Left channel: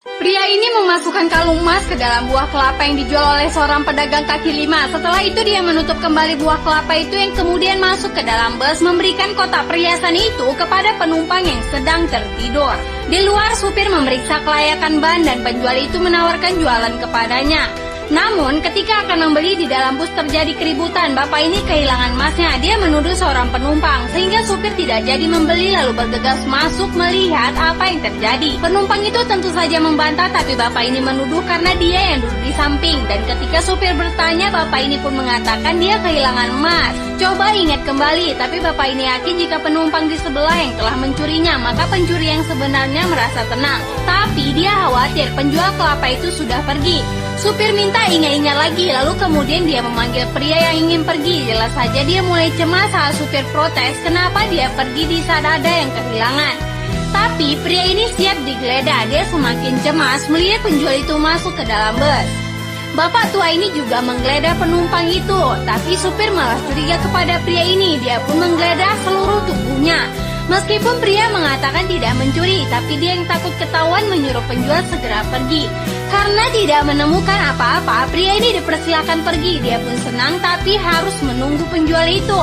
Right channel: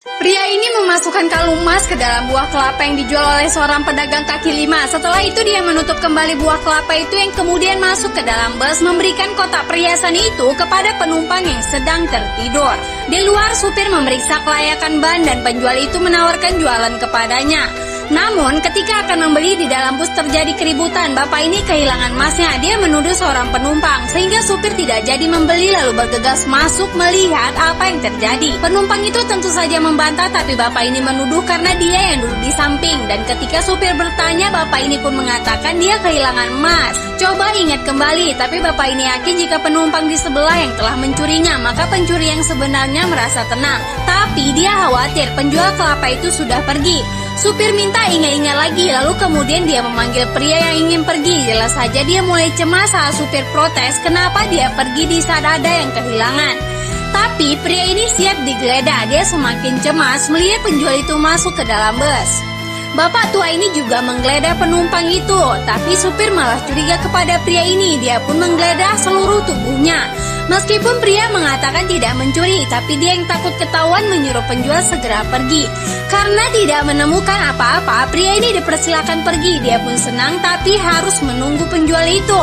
Pria ini memasukkan kalung emas ke dalam buah kelapa yang dijual oleh seorang pedagang kaki lima. Setelah itu dia menutup kembali buah kelapa itu yang kemudian masuk ke dalam bus, memberikan kotak perhiasan itu kepada penumpang yang sedang tertidur. Di luar, supir memeriksa kelayakan ban dan penjual itu menawarkan jualan kepadanya. Namun, ketika akan membeli, di dalam bus terjadi keributan. Bapak ini kehilangan emasnya. Dia menuduh seorang penumpang, sehingga supir tidak jadi membeli lalu bergegas masuk melihat apa yang terjadi. Penumpang itu tentu saja membantah, tapi bapak ini menuduh karena dia yang duduk di samping. Dan ketika supir bertanya, bapak ini pun mengatakan dia kehilangan emas. Coba ingat kembali, tapi bapak ini yakin jika penumpang di sebelah yang telah mencurinya, maka pencuri yang sebenarnya merasa tenang. Tapi dia khawatir penjual kelapa itu sudah pergi. Supir minta ingat-ingat lagi, lalu kemudian dia memanggil pria yang ingin pergi. Jelas saja dia mulai cemas saat supir protes kenapa dia pergi di saat ada yang kehilangan. Tapi pria ini siap digeledah. Dia semakin cemas melihat penjual itu masuk ke dalam bus. Bapak tua ini juga menggeledah penumpang itu, tapi supir malah curiga kepada pria ini. Dia pun menggeledah seluruh tubuhnya. Meskipun pria mengatakan tidak mencuri, tapi dia yang takut ketahuan menyuruh penjual segera pergi. Karena tidak menemukan apa-apa, pria ini dipersilakan pergi. Dia pun senang, tapi harus menunggu penjual itu.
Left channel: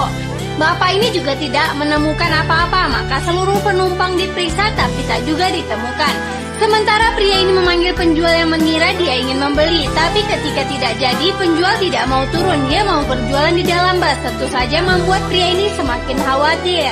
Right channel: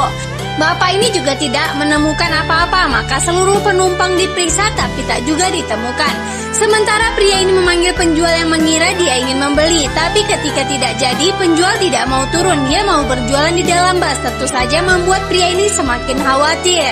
Bapak ini juga tidak menemukan apa-apa, maka seluruh penumpang diperiksa tapi tak juga ditemukan. Sementara pria ini memanggil penjual yang mengira dia ingin membeli, tapi ketika tidak jadi, penjual tidak mau turun. Dia mau berjualan di dalam bus, tentu saja membuat pria ini semakin khawatir.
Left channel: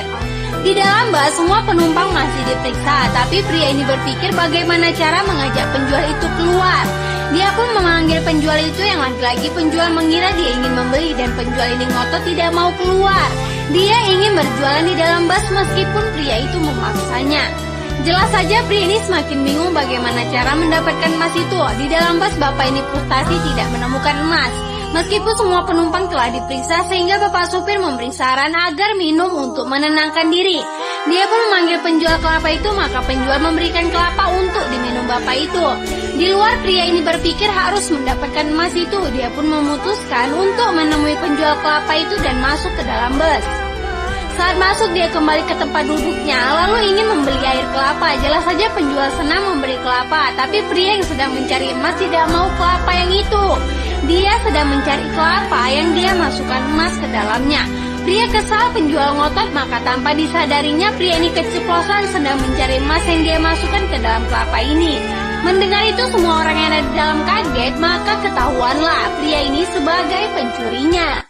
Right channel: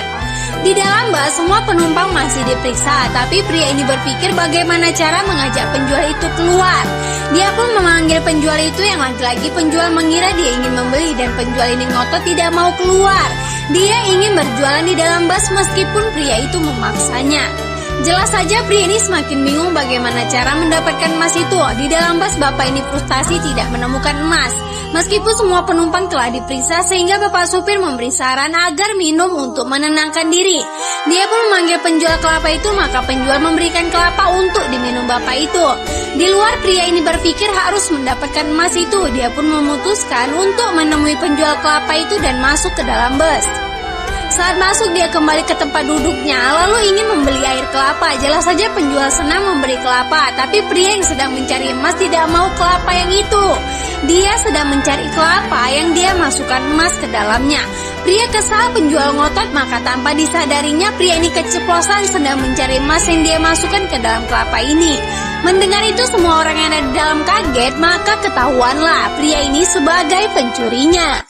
Di dalam bus, semua penumpang masih diperiksa, tapi pria ini berpikir bagaimana cara mengajak penjual itu keluar. Dia pun memanggil penjual itu yang lagi-lagi penjual mengira dia ingin membeli dan penjual ini ngotot tidak mau keluar. Dia ingin berjualan di dalam bus meskipun pria itu memaksanya. Jelas saja pria ini semakin bingung bagaimana cara mendapatkan emas itu. Di dalam bus, bapak ini frustasi tidak menemukan emas. Meskipun semua penumpang telah diperiksa, sehingga bapak supir memberi saran agar minum untuk menenangkan diri. Dia pun memanggil penjual kelapa itu, maka penjual memberikan kelapa untuk diminum bapak itu. Di luar, pria ini berpikir harus mendapatkan emas itu. Dia pun memutuskan untuk menemui penjual kelapa itu dan masuk ke dalam bus. Saat masuk, dia kembali ke tempat duduknya, lalu ingin membeli air kelapa. Jelas saja penjual senang memberi kelapa, tapi pria yang sedang mencari emas tidak mau kelapa yang itu. Dia sedang mencari kelapa yang dia masukkan emas ke dalamnya. Pria kesal, penjual ngotot, maka tanpa disadarinya pria ini keceplosan sedang mencari emas yang dia masukkan ke dalam kelapa ini. Mendengar itu, semua orang yang ada di dalam kaget, maka ketahuanlah pria ini sebagai pencurinya.